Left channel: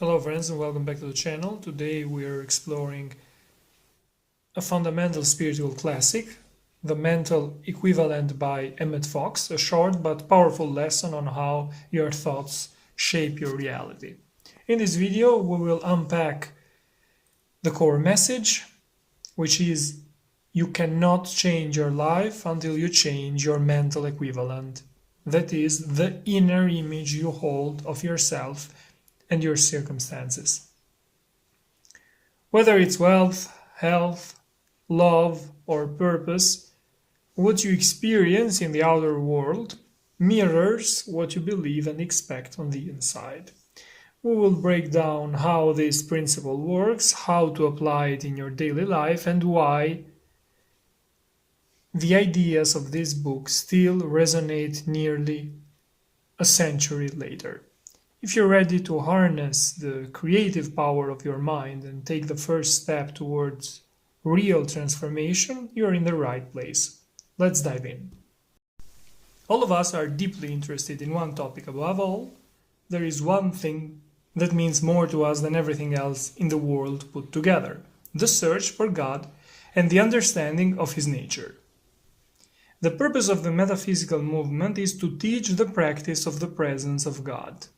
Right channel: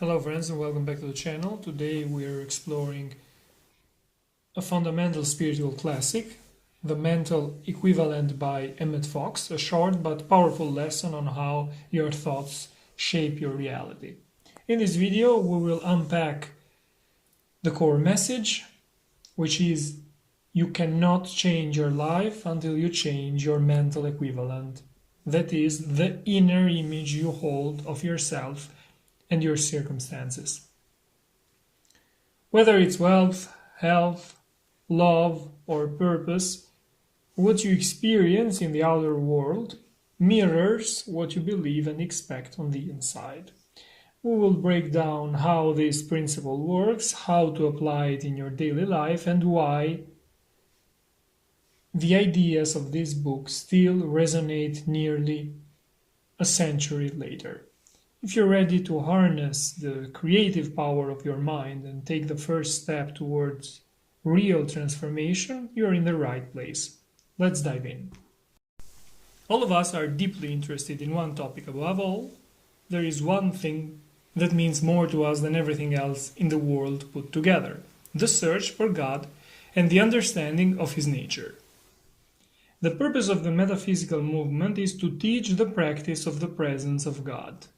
Hello friends and welcome back to the channel. Today we are exploring a fundamental spiritual classic, The Mental Equivalent by Emmet, a short but powerful lesson on how your thoughts shape your reality. In this video we will unpack the core message, which is you cannot change your life until you change your mental equivalent. That is the inner image you hold of yourself and your circumstances. Whether it's wealth, health, love, or purpose, what you experience in the outer world mirrors what you believe and expect on the inside. We will break down how this principle works, how to apply it in your daily life, and why the ideas of this book still resonate nearly a century later. If you're ready to harness the creative power of your mind and take the first step towards real transformation, you're in the right place. Let's dive in. All of us are deeply interested in one topic above all. There is one thing that means more to us than everything else in the world put together: the search for God and the understanding of His nature. The purpose of the metaphysical movement is to teach the practice of the presence of God.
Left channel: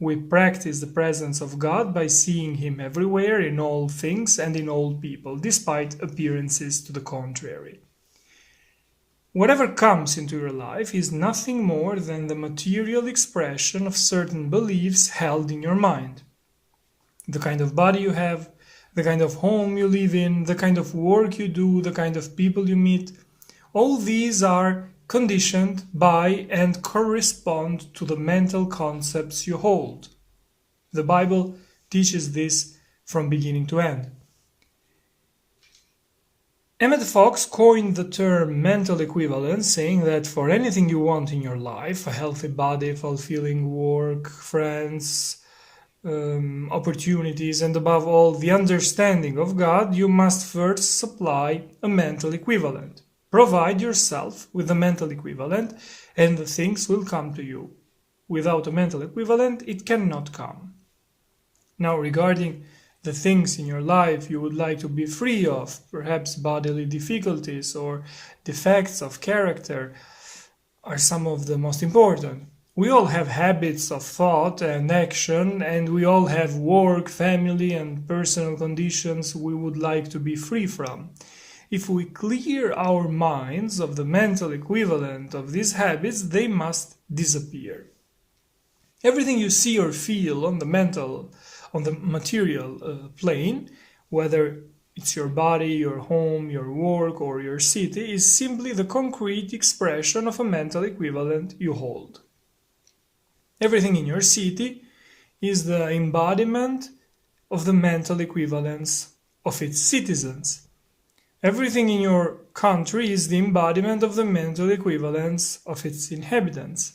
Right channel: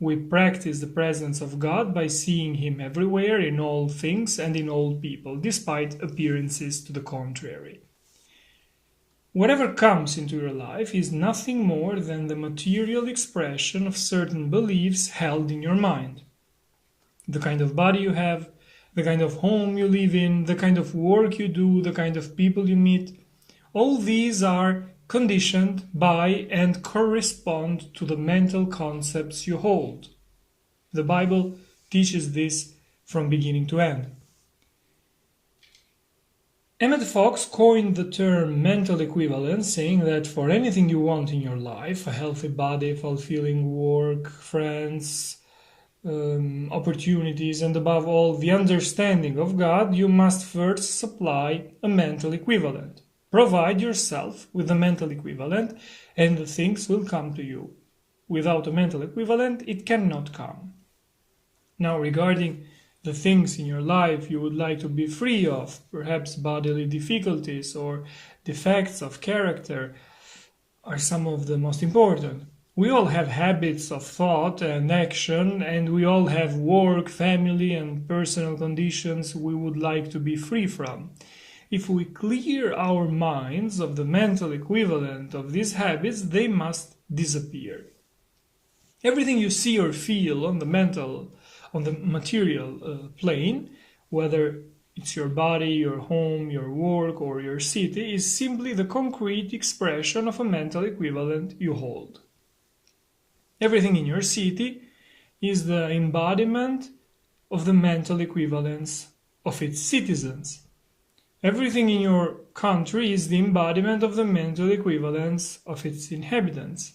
We practice the presence of God by seeing Him everywhere, in all things and in all people, despite appearances to the contrary. Whatever comes into your life is nothing more than the material expression of certain beliefs held in your mind. The kind of body you have, the kind of home you live in, the kind of work you do, the kind of people you meet, all these are conditioned by and correspond to the mental concepts you hold. The Bible teaches this from beginning to end. Emmet coined the term mental equivalence, saying that for anything you want in your life, a healthy body, fulfilling work, friends, opportunities, and above all the understanding of God, you must first supply a mental equivalent. Provide yourself with a mental equivalent and the things will come to you. Without a mental equivalent, it cannot come. Now, regarding the things in your life you would like to be free of, perhaps bodily difficulties or defects of character, are some of the most important. We all have habits of thought and action, and we all have work, family, and personal conditions we would like to be free from. If we clear our minds of the mental equivalent of these habits, they must disappear. Everything you see or feel on the material plane, whether it's your body, your home, your work, or your city, is simply the concrete expression of a mental equivalent you hold. Everything in your city is the embodiment of the mental equivalence of its citizens. Everything in your country is the embodiment of the mental equivalence of its inhabitants.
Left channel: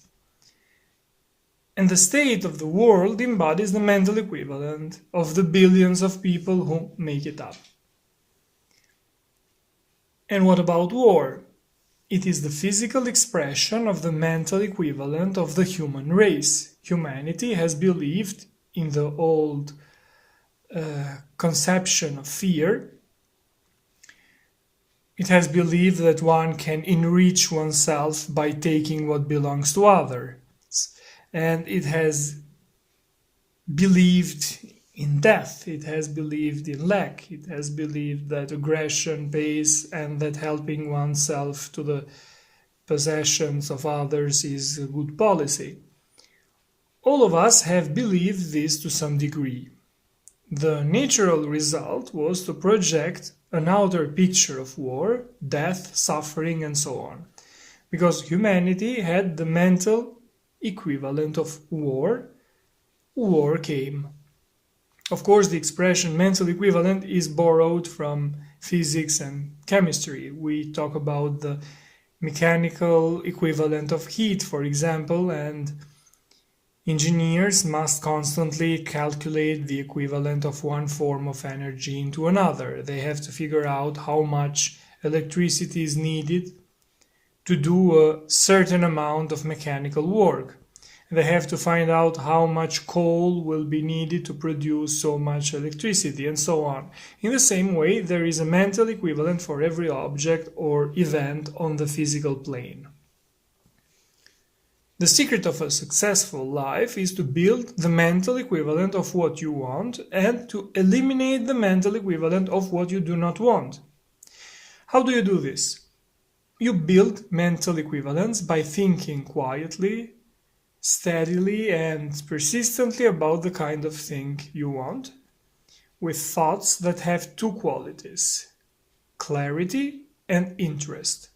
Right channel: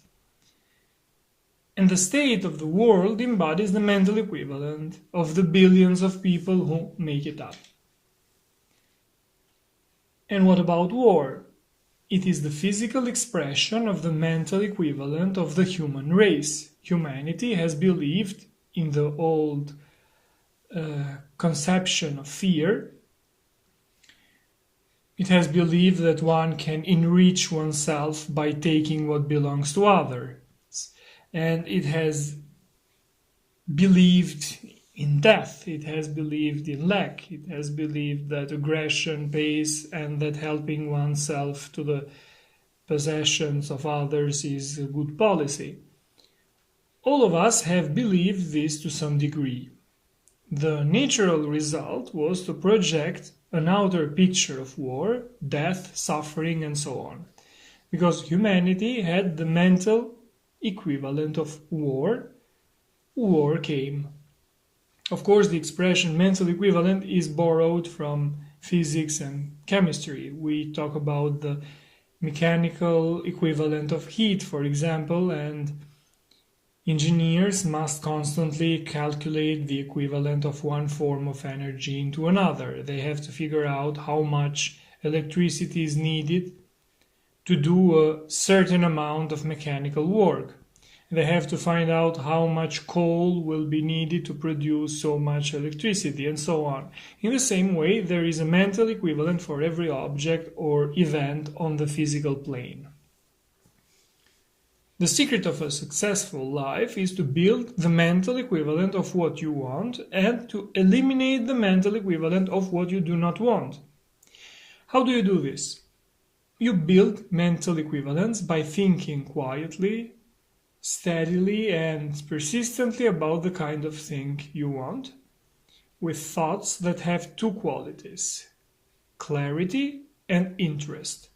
And the state of the world embodies the mental equivalent of the billions of people who make it up. And what about war? It is the physical expression of the mental equivalent of the human race. Humanity has believed in the old conception of fear. It has believed that one can enrich oneself by taking what belongs to others. And it has believed in death. It has believed in lack. It has believed that aggression pays and that helping oneself to the possessions of others is a good policy. All of us have believed this to some degree. The natural result was to project an outer picture of war, death, suffering, and so on. Because humanity had the mental equivalent of war, war came. Of course, the expression mental equivalent is borrowed from physics and chemistry. We talk about the mechanical equivalent of heat, for example, and engineers must constantly calculate the equivalent of one form of energy into another. They have to figure out how much electricity is needed to do a certain amount of mechanical work. They have to find out how much coal will be needed to produce so much electricity, and so on. In the same way, there is a mental equivalent for every object or event on the physical plane. The secret of a successful life is to build the mental equivalent of what you want and to eliminate the mental equivalent of what you do not want. How do you do this? You build mental equivalents by thinking quietly, steadily and persistently about the kind of thing you want, with thoughts that have two qualities: clarity and interest.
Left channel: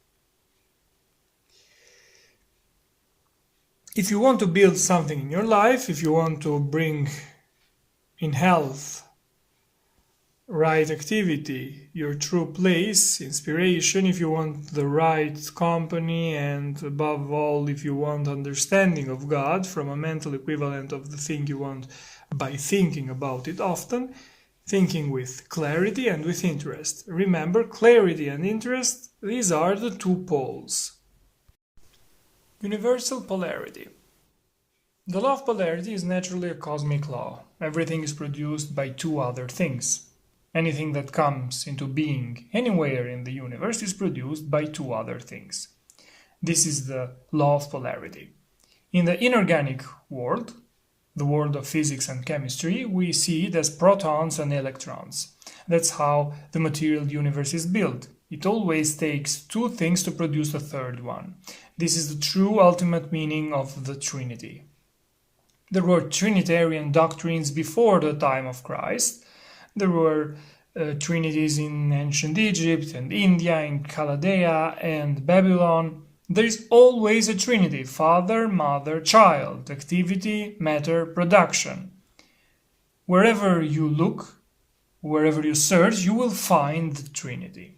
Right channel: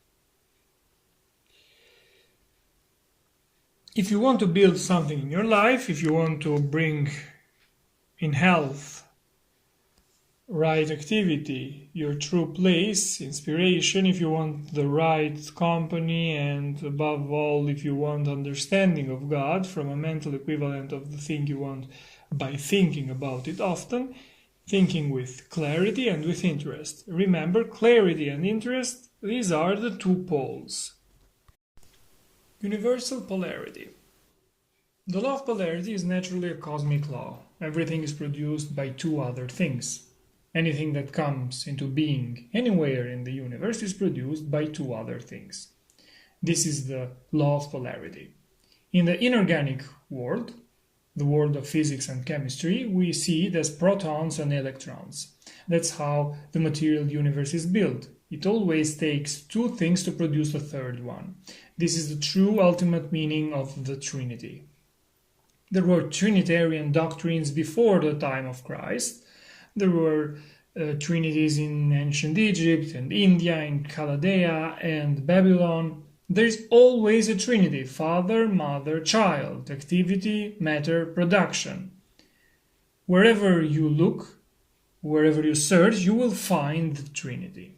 If you want to build something in your life, if you want to bring in health, right activity, your true place, inspiration, if you want the right company, and above all, if you want understanding of God from a mental equivalent of the thing you want by thinking about it often, thinking with clarity and with interest. Remember, clarity and interest, these are the two poles. Universal polarity. The law of polarity is naturally a cosmic law. Everything is produced by two other things. Anything that comes into being anywhere in the universe is produced by two other things. This is the law of polarity. In the inorganic world, the world of physics and chemistry, we see it as protons and electrons. That's how the material universe is built. It always takes two things to produce a third one. This is the true ultimate meaning of the Trinity. There were Trinitarian doctrines before the time of Christ. There were trinities in ancient Egypt and India, in Chaldea and Babylon. There is always a trinity: Father, Mother, Child, activity, matter, production. Wherever you look, wherever you search, you will find the Trinity.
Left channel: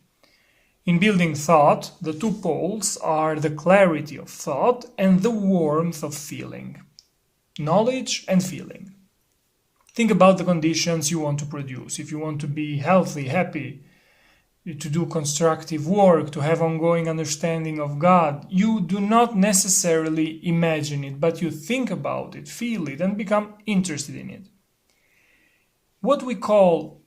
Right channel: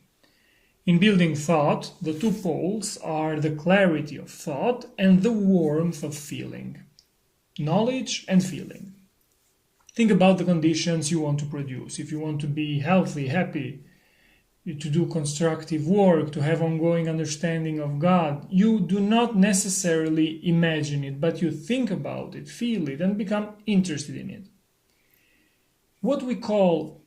In building thought, the two poles are the clarity of thought and the warmth of feeling. Knowledge and feeling. Think about the conditions you want to produce. If you want to be healthy, happy, to do constructive work, to have ongoing understanding of God, you do not necessarily imagine it, but you think about it, feel it, and become interested in it. What we call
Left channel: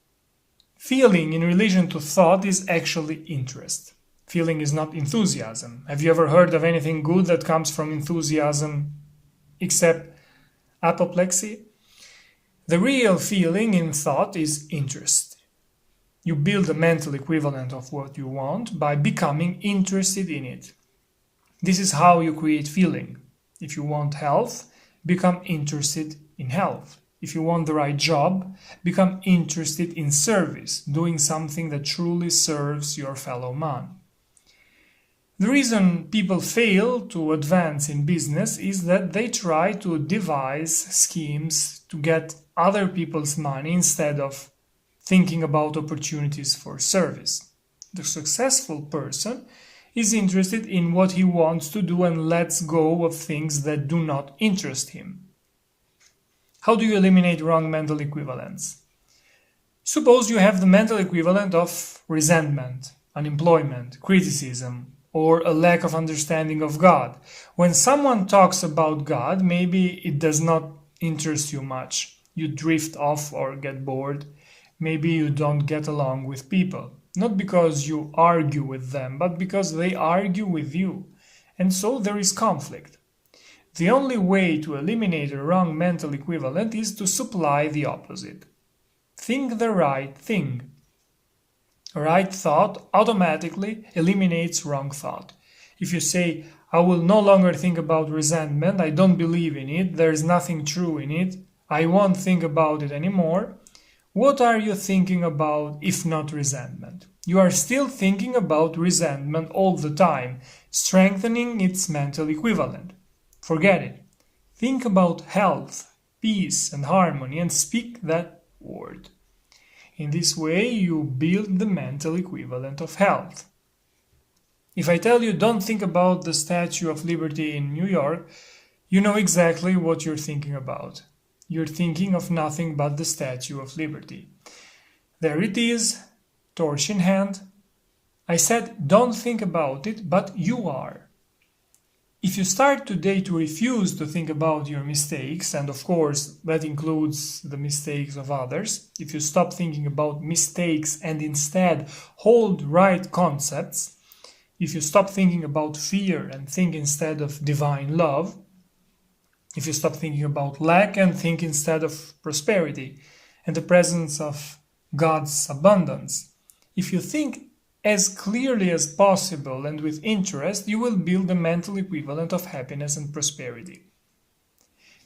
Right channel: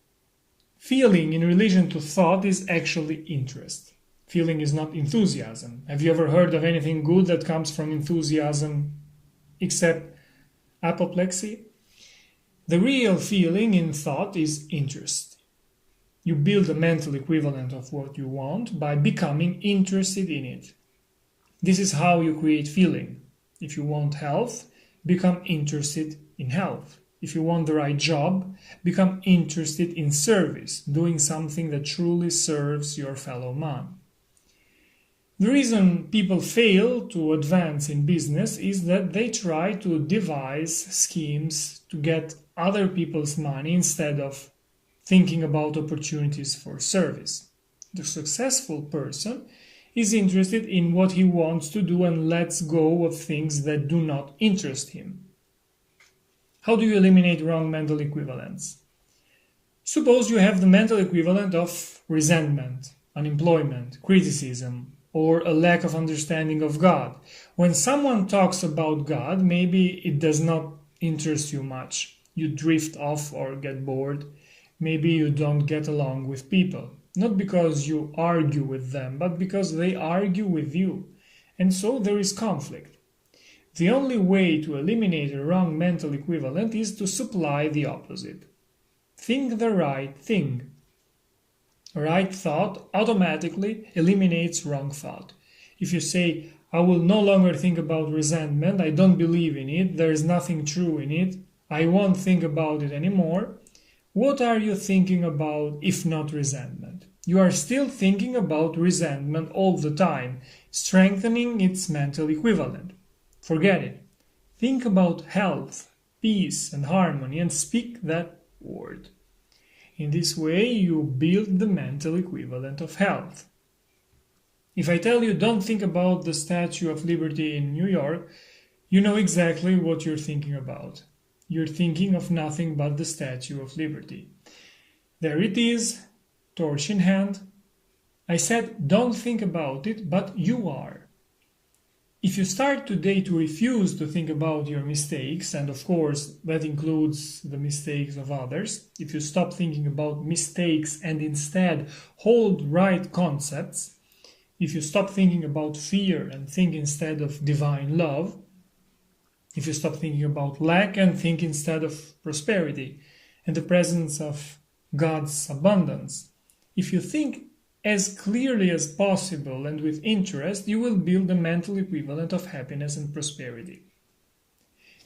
feeling in relation to thought is actually interest. Feeling is not enthusiasm. Have you ever heard of anything good that comes from enthusiasm except apoplexy? The real feeling in thought is interest. You build a mental equivalent of what you want by becoming interested in it. This is how you create feeling. If you want health, become interested in health. If you want the right job, become interested in service, doing something that truly serves your fellow man. The reason people fail to advance in business is that they try to devise schemes to get other people's money instead of thinking about opportunities for service. The successful person is interested in what he wants to do and lets go of things that do not interest him. How do you eliminate wrong mental equivalents? Suppose you have the mental equivalent of resentment, unemployment, criticism, or a lack of understanding of God. When someone talks about God, maybe it does not interest you much. You drift off or get bored. Maybe you don't get along with people. Not because you argue with them, but because they argue with you. And so there is conflict. The only way to eliminate a wrong mental equivalent is to supply the opposite. Think the right thing. Right thought automatically eliminates wrong thought. If you say, I will no longer think about resentment, I don't believe in it, there is nothing true in it, I won't think about it anymore, what are you thinking about if not resentment? You are still thinking about resentment all the time, strengthening its mental equivalent. Forget it. Think about health, peace, and harmony and speak that word. In this way, you build the mental equivalent of health. If I tell you don't think about the Statue of Liberty in New York, you know exactly what you're thinking about. You're thinking of nothing but the Statue of Liberty. There it is, torch in hand. I said don't think about it, but you are. If you start today to refuse to think about your mistakes, and of course that includes the mistakes of others, if you stop thinking about mistakes and instead hold right concepts, if you stop thinking about fear and think instead of divine love, if you stop thinking about lack and think instead of prosperity and the presence of God's abundance, if you think as clearly as possible and with interest, you will build the mental equivalent of happiness and prosperity.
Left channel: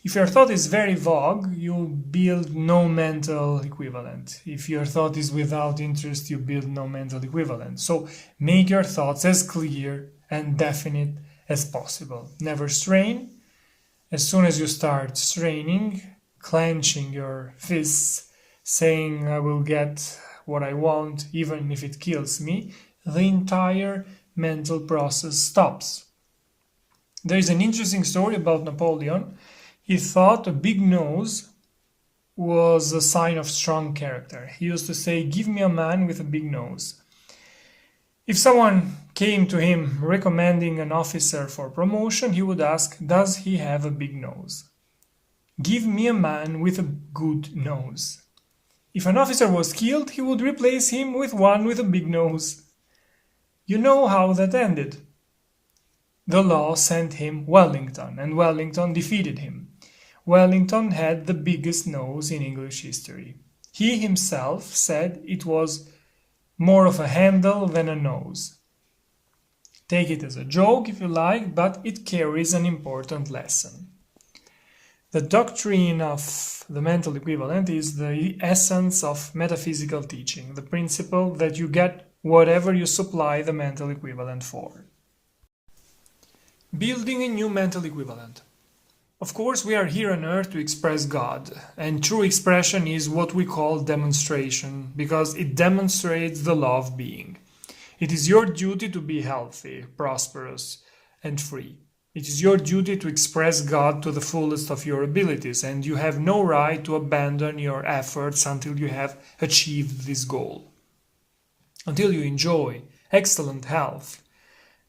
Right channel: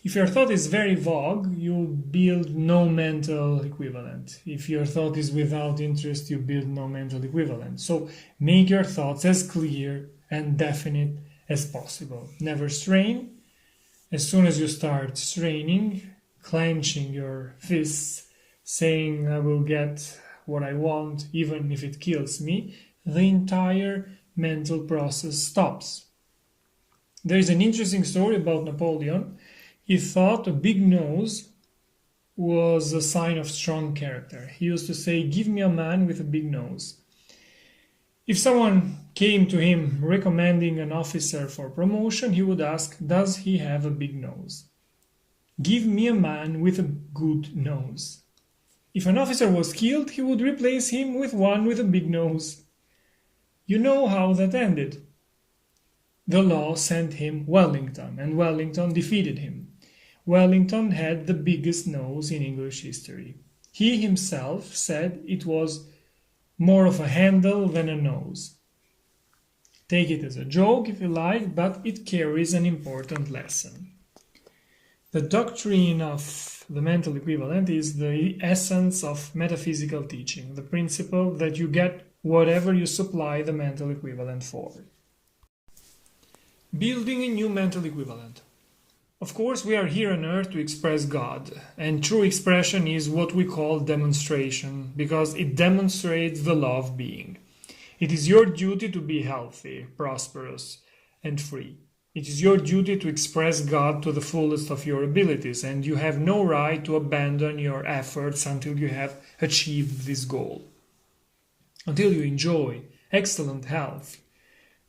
If your thought is very vague, you build no mental equivalent. If your thought is without interest, you build no mental equivalent. So make your thoughts as clear and definite as possible. Never strain. As soon as you start straining, clenching your fists, saying, I will get what I want, even if it kills me, the entire mental process stops. There is an interesting story about Napoleon. He thought a big nose was a sign of strong character. He used to say, give me a man with a big nose. If someone came to him recommending an officer for promotion, he would ask, does he have a big nose? Give me a man with a good nose. If an officer was killed, he would replace him with one with a big nose. You know how that ended. The law sent him Wellington, and Wellington defeated him. Wellington had the biggest nose in English history. He himself said it was more of a handle than a nose. Take it as a joke if you like, but it carries an important lesson. The doctrine of the mental equivalent is the essence of metaphysical teaching, the principle that you get whatever you supply the mental equivalent for. Building a new mental equivalent. Of course, we are here on earth to express God, and true expression is what we call demonstration, because it demonstrates the law of being. It is your duty to be healthy, prosperous, and free. It is your duty to express God to the fullest of your abilities, and you have no right to abandon your efforts until you have achieved this goal. Until you enjoy excellent health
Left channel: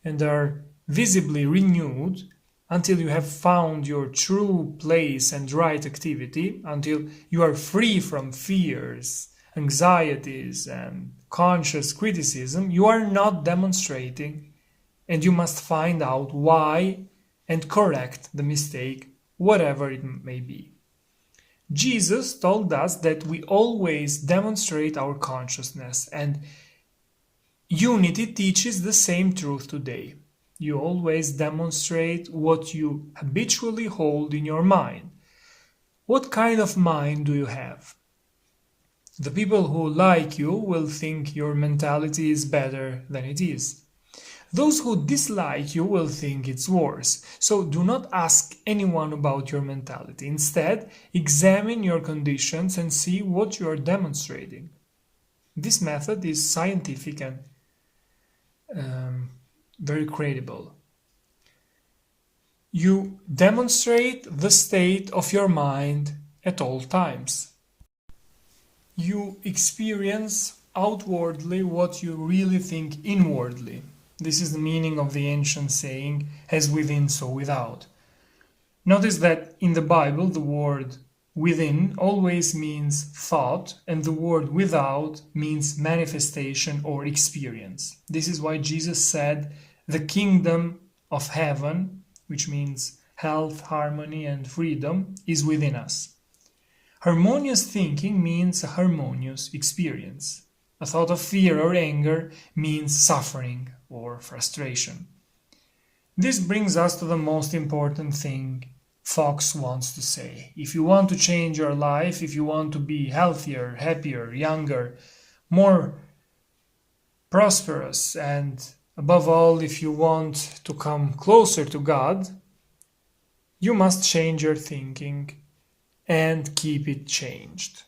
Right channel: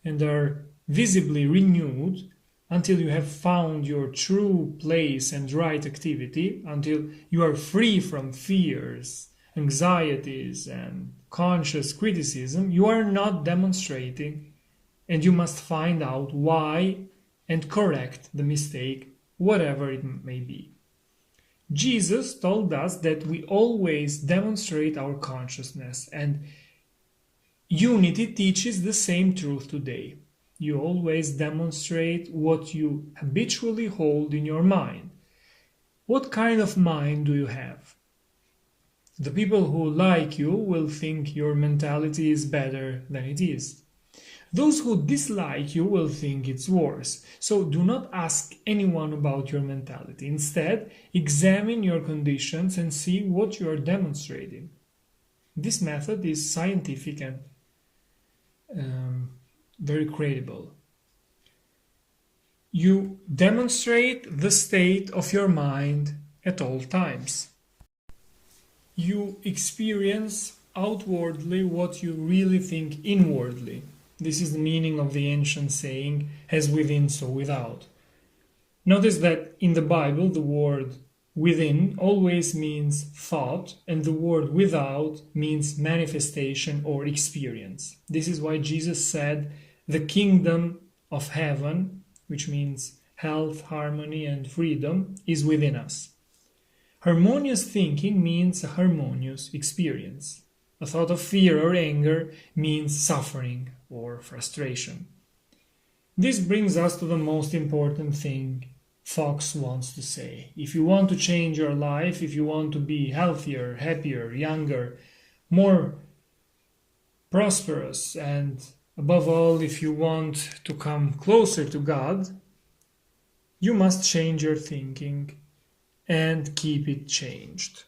and are visibly renewed, until you have found your true place and right activity, until you are free from fears, anxieties, and conscious criticism, you are not demonstrating, and you must find out why and correct the mistake, whatever it may be. Jesus told us that we always demonstrate our consciousness, and unity teaches the same truth today. You always demonstrate what you habitually hold in your mind. What kind of mind do you have? The people who like you will think your mentality is better than it is. Those who dislike you will think it's worse. So do not ask anyone about your mentality. Instead, examine your conditions and see what you are demonstrating. This method is scientific and very credible. You demonstrate the state of your mind at all times. You experience outwardly what you really think inwardly. This is the meaning of the ancient saying, as within, so without. Notice that in the Bible, the word within always means thought, and the word without means manifestation or experience. This is why Jesus said, the kingdom of heaven, which means health, harmony, and freedom, is within us. Harmonious thinking means a harmonious experience. A thought of fear or anger means suffering or frustration. This brings us to the most important thing Fox wants to say. If you want to change your life, if you want to be healthier, happier, younger, more prosperous, and above all, if you want to come closer to God, you must change your thinking and keep it changed.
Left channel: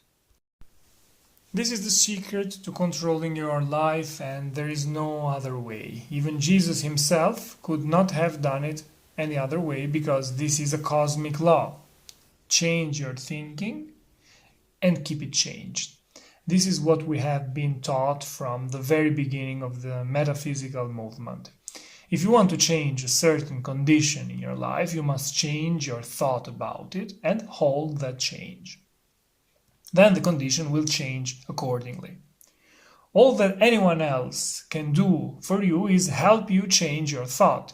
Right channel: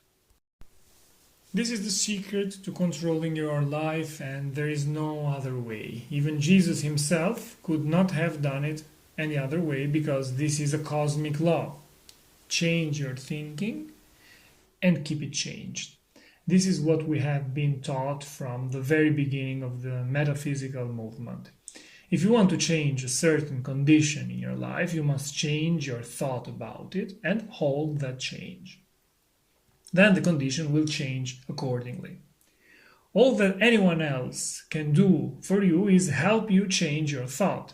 This is the secret to controlling your life, and there is no other way. Even Jesus himself could not have done it any other way, because this is a cosmic law. Change your thinking and keep it changed. This is what we have been taught from the very beginning of the metaphysical movement. If you want to change a certain condition in your life, you must change your thought about it and hold that change. Then the condition will change accordingly. All that anyone else can do for you is help you change your thought.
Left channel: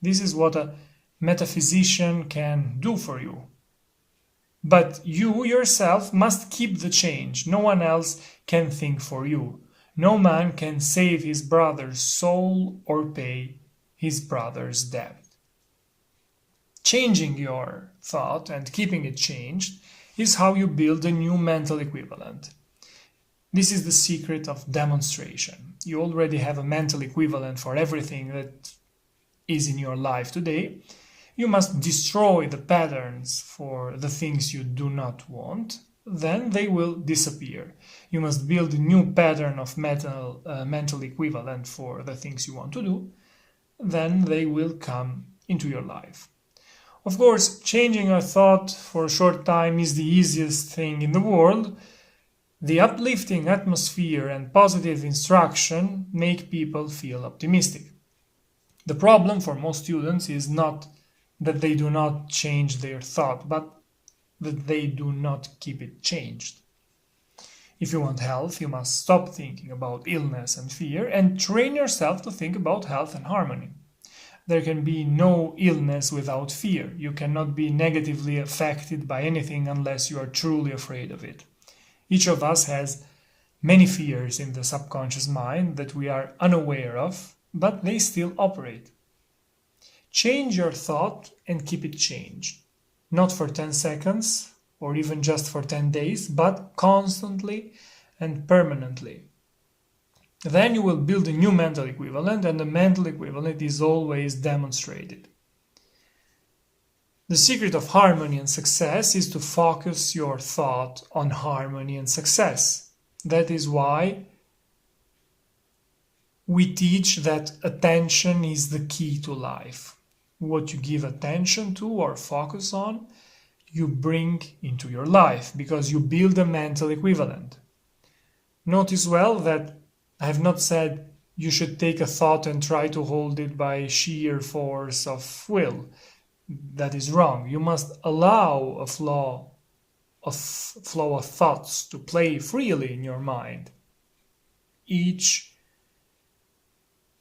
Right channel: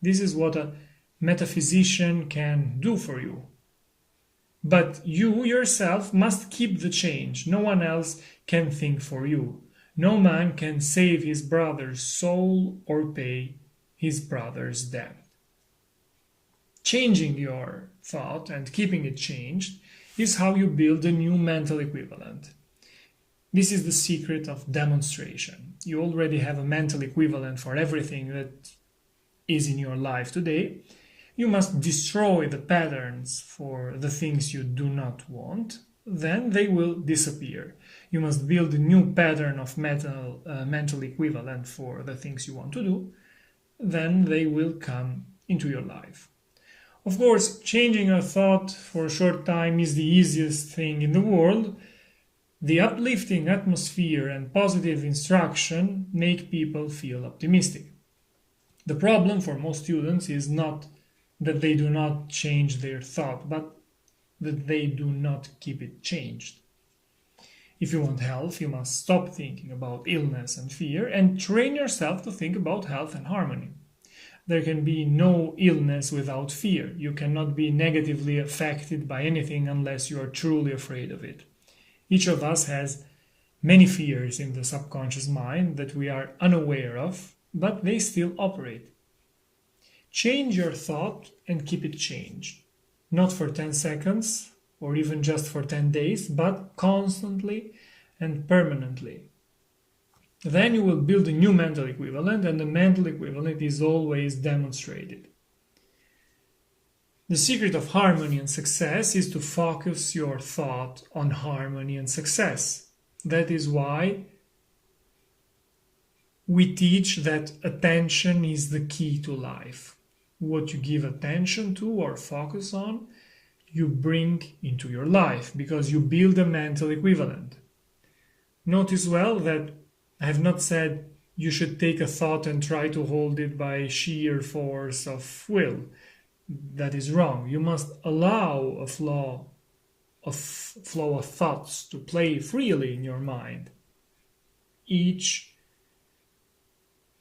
This is what a metaphysician can do for you. But you yourself must keep the change. No one else can think for you. No man can save his brother's soul or pay his brother's debt. Changing your thought and keeping it changed is how you build a new mental equivalent. This is the secret of demonstration. You already have a mental equivalent for everything that is in your life today. You must destroy the patterns for the things you do not want, then they will disappear. You must build a new pattern of mental equivalent for the things you want to do, then they will come into your life. Of course, changing your thought for a short time is the easiest thing in the world. The uplifting atmosphere and positive instruction make people feel optimistic. The problem for most students is not that they do not change their thought, but that they do not keep it changed. If you want health, you must stop thinking about illness and fear and train yourself to think about health and harmony. There can be no illness without fear. You cannot be negatively affected by anything unless you are truly afraid of it. Each of us has many fears in the subconscious mind that we are unaware of, but they still operate. Change your thought and keep it changed. Not for 10 seconds or even just for 10 days, but constantly and permanently. Then you will build a new mental equivalent, and the mental equivalent is always demonstrated. The secret of harmony and success is to focus your thought on harmony and success. That is why we teach that attention is the key to life. What you give attention to or focus on, you bring into your life because you build a mental equivalent. Notice well that I have not said you should take a thought and try to hold it by sheer force of will. That is wrong. You must allow a flow of thoughts to play freely in your mind, each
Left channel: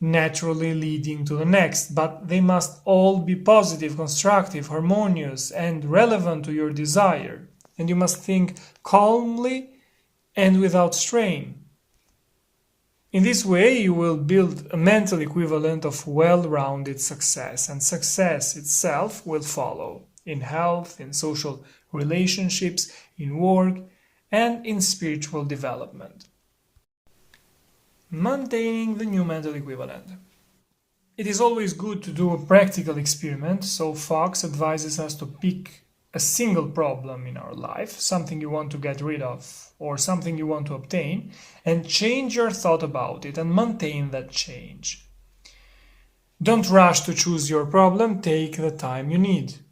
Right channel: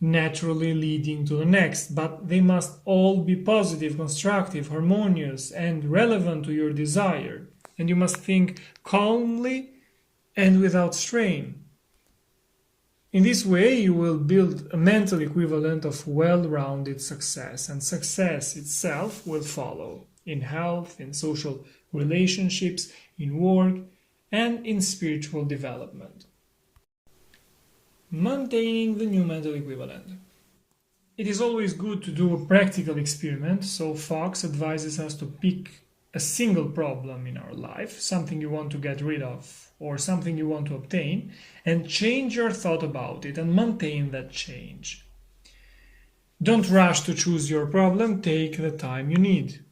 naturally leading to the next, but they must all be positive, constructive, harmonious, and relevant to your desire. And you must think calmly and without strain. In this way, you will build a mental equivalent of well-rounded success, and success itself will follow in health, in social relationships, in work, and in spiritual development. Maintaining the new mental equivalent. It is always good to do a practical experiment, so Fox advises us to pick a single problem in our life, something you want to get rid of or something you want to obtain, and change your thought about it and maintain that change. Don't rush to choose your problem, take the time you need.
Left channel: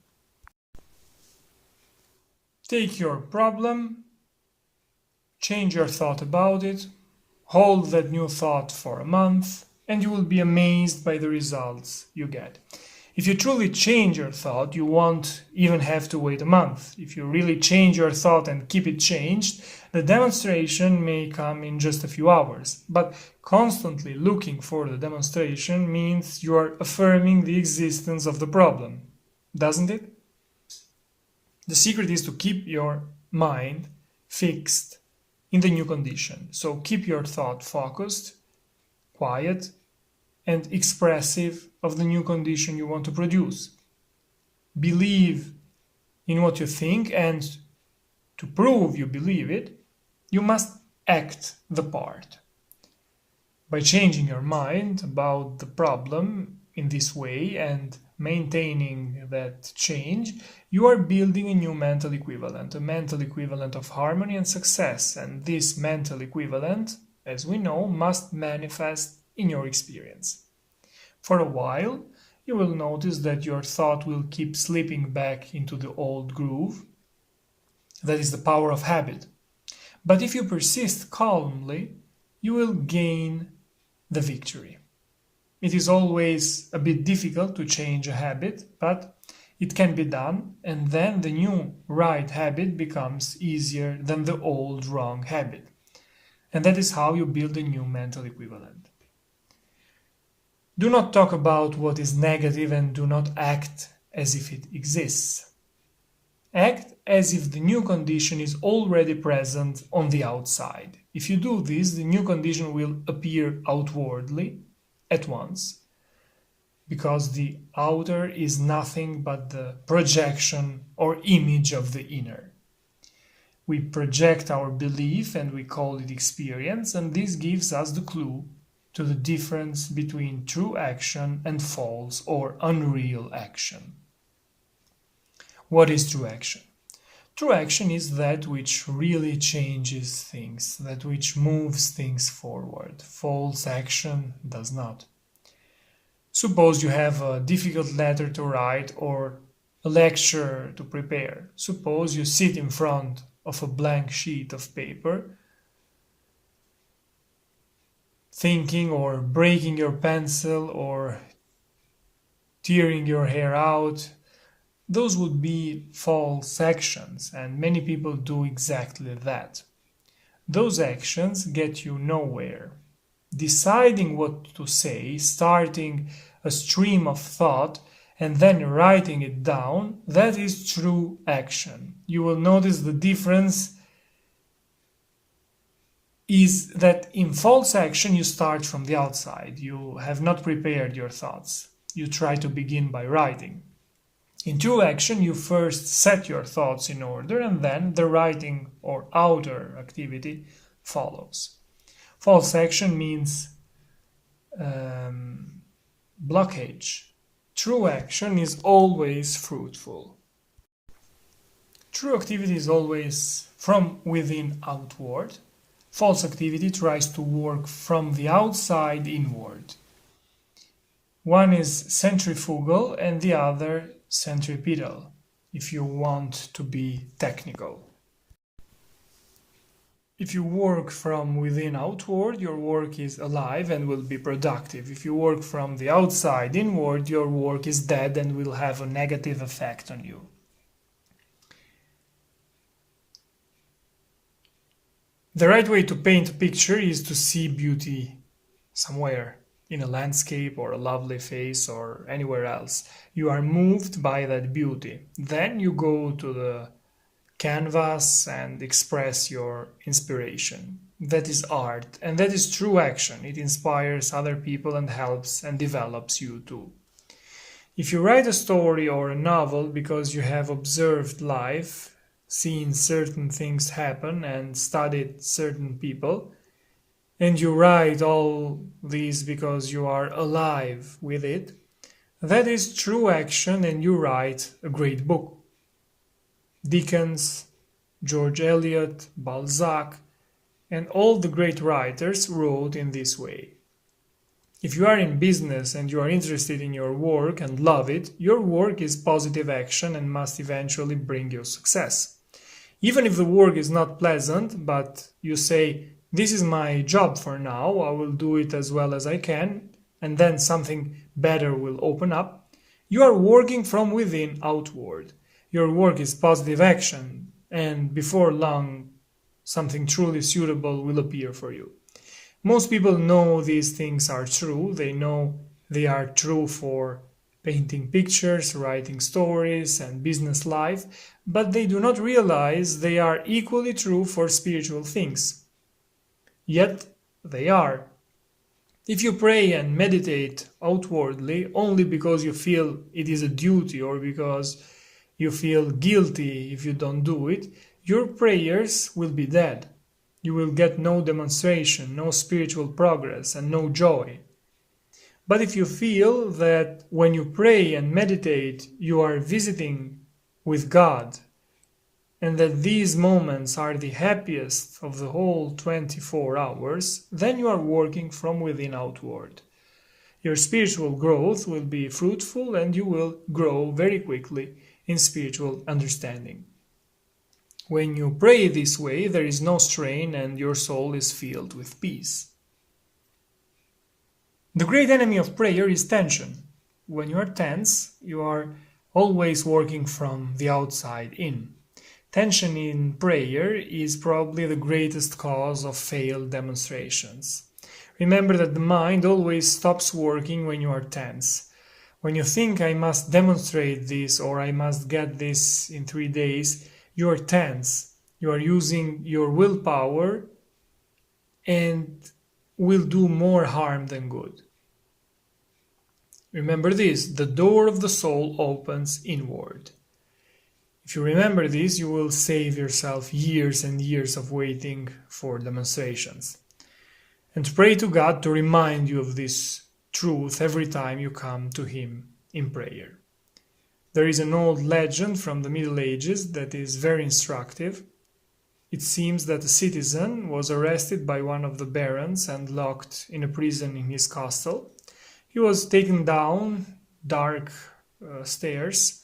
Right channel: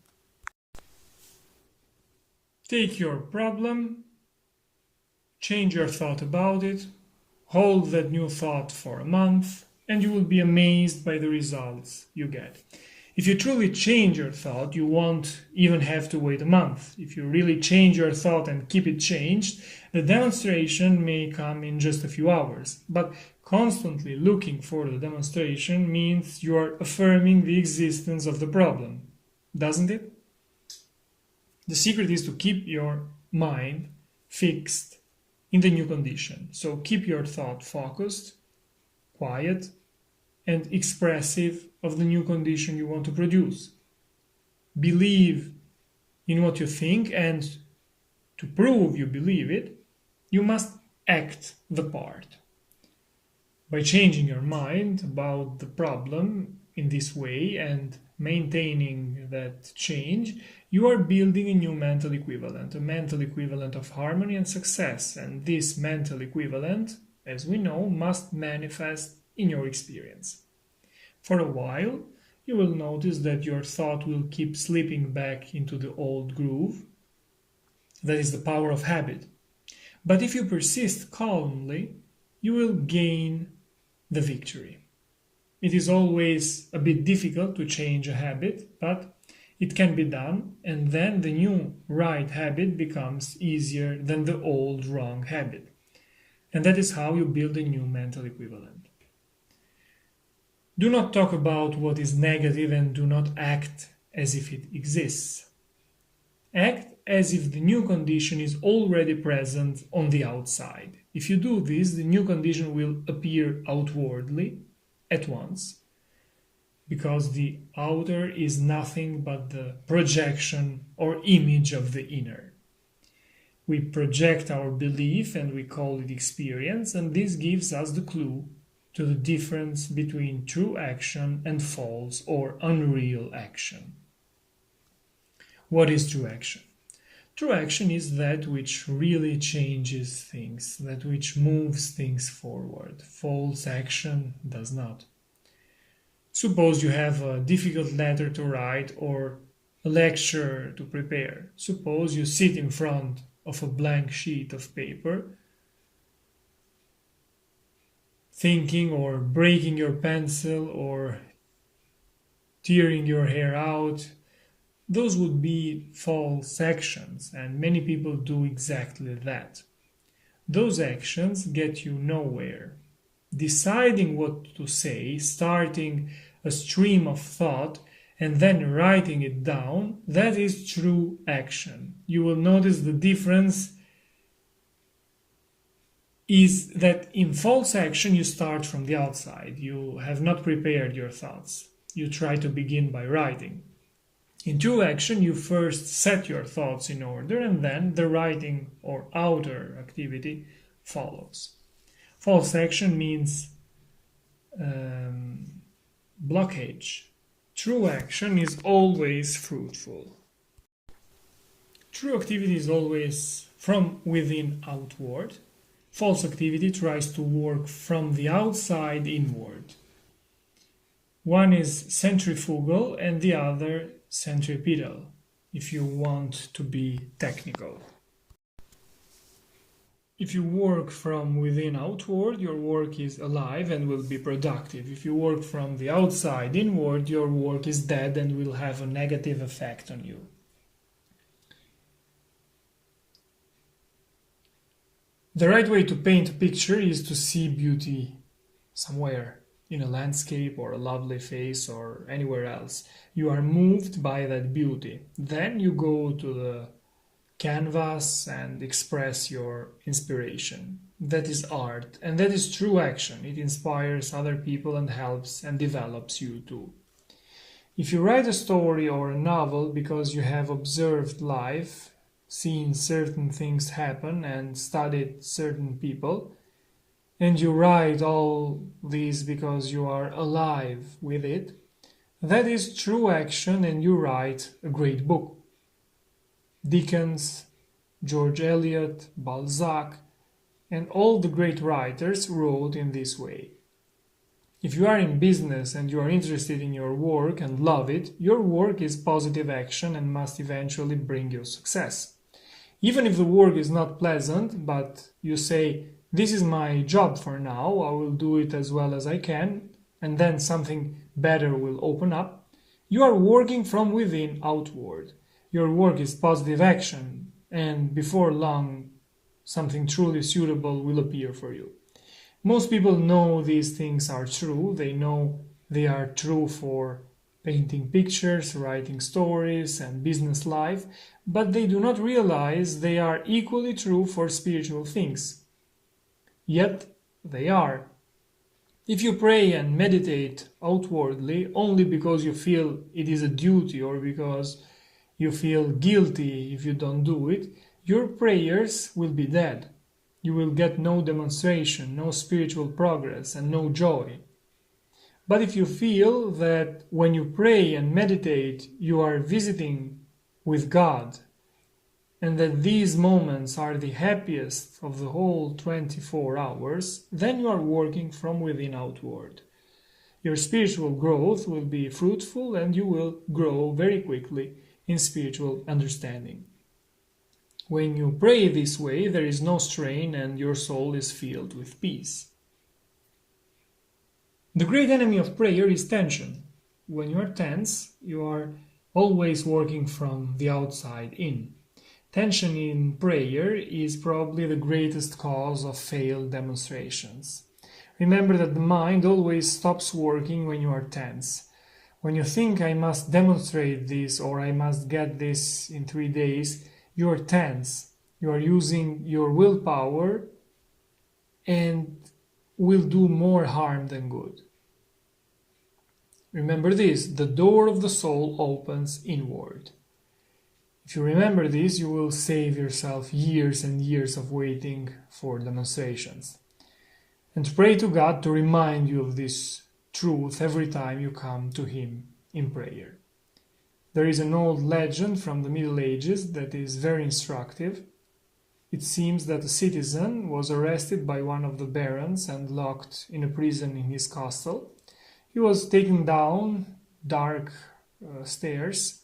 Take your problem, change your thought about it, hold that new thought for a month, and you will be amazed by the results you get. If you truly change your thought, you won't even have to wait a month. If you really change your thought and keep it changed, the demonstration may come in just a few hours. But constantly looking for the demonstration means you are affirming the existence of the problem, doesn't it? The secret is to keep your mind fixed in the new condition. So keep your thought focused, quiet, and expressive of the new condition you want to produce. Believe in what you think, and to prove you believe it, you must act the part. By changing your mind about the problem in this way and maintaining that change, you are building a new mental equivalent, a mental equivalent of harmony and success, and this mental equivalent, as we know, must manifest in your experience. For a while, you will notice that your thought will keep slipping back into the old groove. That is the power of habit. But if you persist calmly, you will gain the victory. It is always a bit difficult to change a habit, but it can be done, and then the new right habit becomes easier than the old wrong habit. And that is how you build a new mental equivalent. Do not talk about what is negative and do not act as if it exists. Act as if the new condition is already present on the outside. If you do this, the new condition will appear outwardly at once, because the outer is nothing but the projection or image of the inner. We project our belief and we call it experience, and this gives us the clue to the difference between true action and false or unreal action. What is true action? True action is that which really changes things, that which moves things forward. False action does not. Suppose you have a difficult letter to write or a lecture to prepare. Suppose you sit in front of a blank sheet of paper, thinking or breaking your pencil or tearing your hair out. Those would be false actions, and many people do exactly that. Those actions get you nowhere. Deciding what to say, starting a stream of thought, and then writing it down, that is true action. You will notice the difference is that in false action you start from the outside. You have not prepared your thoughts. You try to begin by writing. In true action, you first set your thoughts in order, and then the writing or outer activity follows. False action means blockage. True action is always fruitful. True activity is always from within outward. False activity tries to work from the outside inward. One is centrifugal and the other centripetal, if you want to be technical. If you work from within outward, your work is alive and will be productive. If you work from the outside inward, your work is dead and will have a negative effect on you. The right way to paint a picture is to see beauty somewhere, in a landscape or a lovely face or anywhere else. You are moved by that beauty. Then you go to the canvas and express your inspiration. That is art, and that is true action. It inspires other people and helps and develops you too. If you write a story or a novel because you have observed life, seen certain things happen and studied certain people, and you write all these because you are alive with it, that is true action, and you write a great book. Dickens, George Eliot, Balzac, and all the great writers wrote in this way. If you are in business and you are interested in your work and love it, your work is positive action and must eventually bring you success. Even if the work is not pleasant, but you say, "This is my job for now, I will do it as well as I can," and then something better will open up, you are working from within outward. Your work is positive action, and before long, something truly suitable will appear for you. Most people know these things are true. They know they are true for painting pictures, writing stories, and business life, but they do not realize they are equally true for spiritual things. Yet they are. If you pray and meditate outwardly only because you feel it is a duty or because you feel guilty if you don't do it, your prayers will be dead. You will get no demonstration, no spiritual progress, and no joy. But if you feel that when you pray and meditate, you are visiting with God, and that these moments are the happiest of the whole 24 hours, then you are working from within outward. Your spiritual growth will be fruitful, and you will grow very quickly in spiritual understanding. When you pray this way, there is no strain and your soul is filled with peace. The great enemy of prayer is tension. When you are tense, you are always working from the outside in. Tension in prayer is probably the greatest cause of failed demonstrations. Remember that the mind always stops working when you are tense. When you think I must demonstrate this or I must get this in 3 days, you are tense. You are using your willpower and will do more harm than good. Remember this, the door of the soul opens inward. If you remember this, you will save yourself years and years of waiting for demonstrations. And pray to God to remind you of this truth every time you come to Him in prayer. There is an old legend from the Middle Ages that is very instructive. It seems that a citizen was arrested by one of the barons and locked in a prison in his castle. He was taken down dark stairs,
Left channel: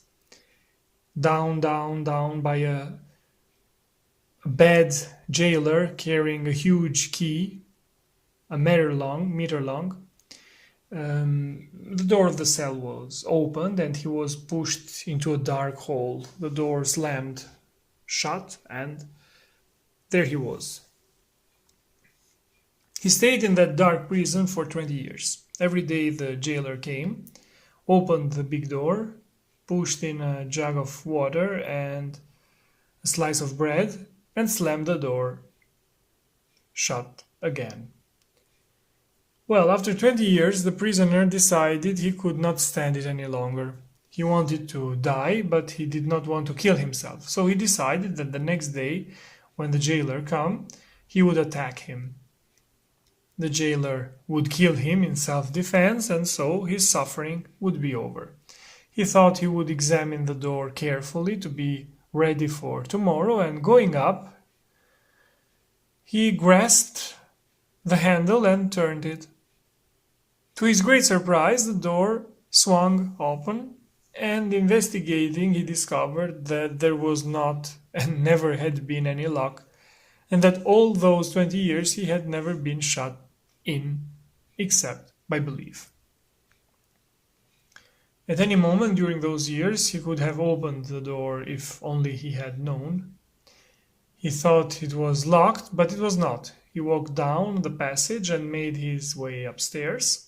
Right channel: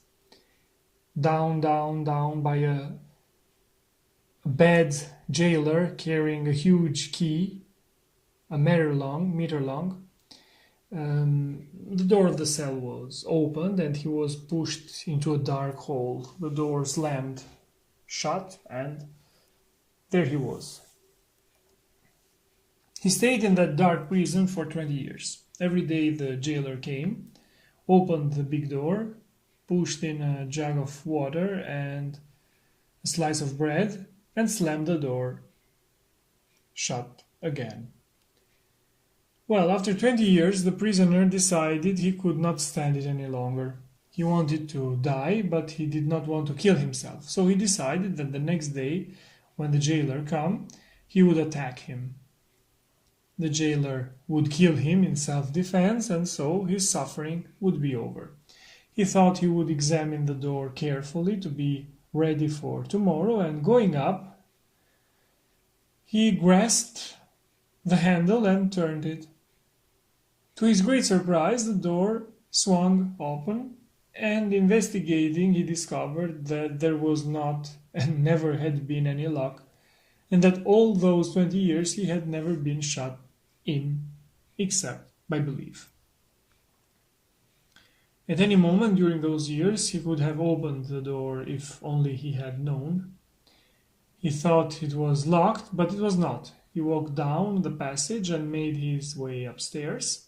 down by a bad jailer carrying a huge key, a meter long. The door of the cell was opened and he was pushed into a dark hole. The door slammed shut and there he was. He stayed in that dark prison for 20 years. Every day the jailer came, opened the big door, pushed in a jug of water and a slice of bread, and slammed the door shut again. Well, after 20 years, the prisoner decided he could not stand it any longer. He wanted to die, but he did not want to kill himself. So he decided that the next day, when the jailer came, he would attack him. The jailer would kill him in self-defense, and so his suffering would be over. He thought he would examine the door carefully to be ready for tomorrow, and going up, he grasped the handle and turned it. To his great surprise, the door swung open, and investigating, he discovered that there was not and never had been any lock, and that all those 20 years he had never been shut in, except by belief. At any moment during those years, he could have opened the door if only he had known. He thought it was locked, but it was not. He walked down the passage and made his way upstairs.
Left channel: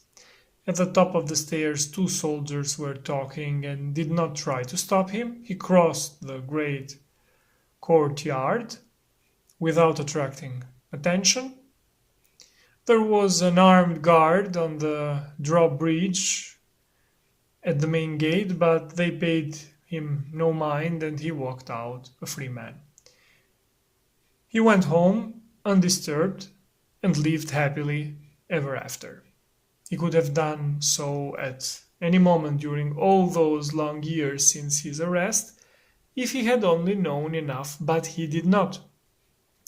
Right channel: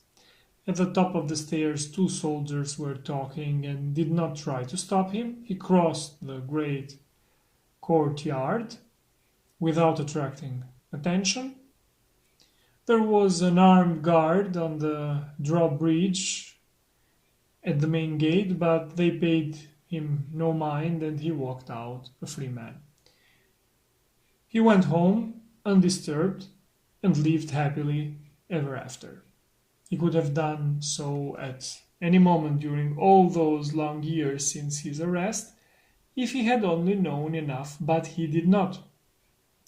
At the top of the stairs, 2 soldiers were talking and did not try to stop him. He crossed the great courtyard without attracting attention. There was an armed guard on the drawbridge at the main gate, but they paid him no mind and he walked out a free man. He went home undisturbed and lived happily ever after. He could have done so at any moment during all those long years since his arrest, if he had only known enough, but he did not.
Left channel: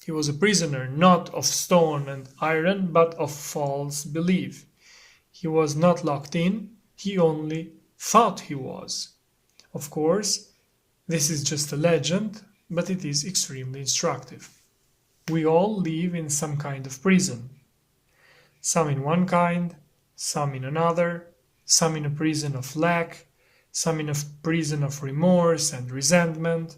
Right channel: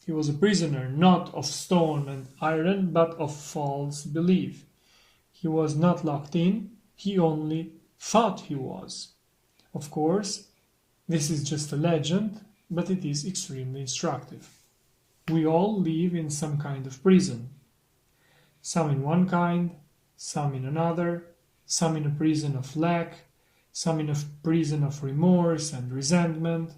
He was a prisoner, not of stone and iron, but of false belief. He was not locked in, he only thought he was. Of course, this is just a legend, but it is extremely instructive. We all live in some kind of prison. Some in one kind, some in another, some in a prison of lack, some in a prison of remorse and resentment,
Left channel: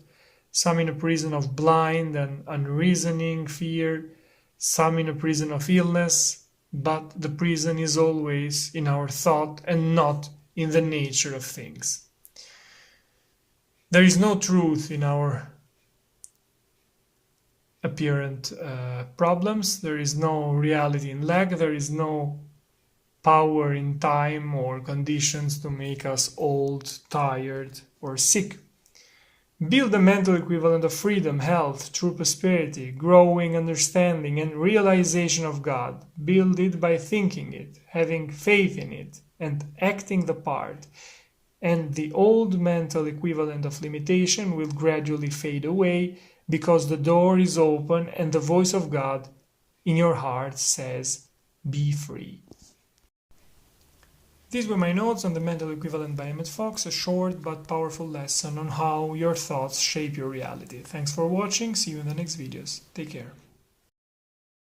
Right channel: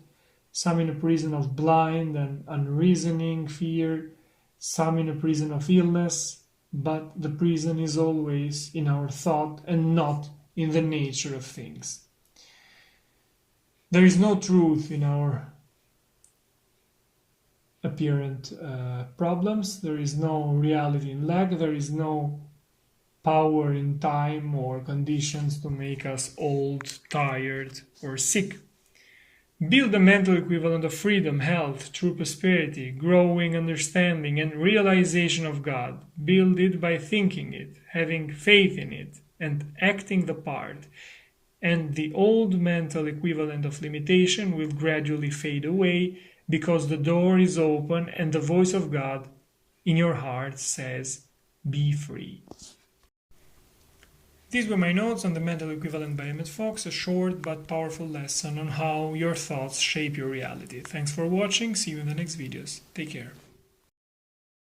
some in a prison of blind and unreasoning fear, some in a prison of illness, but the prison is always in our thought and not in the nature of things. There is no truth in our apparent problems, there is no reality in lack, there is no power in time or conditions to make us old, tired, or sick. Build a mental equivalent of freedom, health, true prosperity, growing understanding, and realization of God. Build it by thinking it, having faith in it, and acting the part. And the old mental equivalent of limitation will gradually fade away because the door is open and the voice of God in your heart says, "Be free." These were my notes on the mental equivalent by Emmet, a short but powerful lesson on how your thoughts shape your reality. Thanks for watching, see you in the next videos. Take care.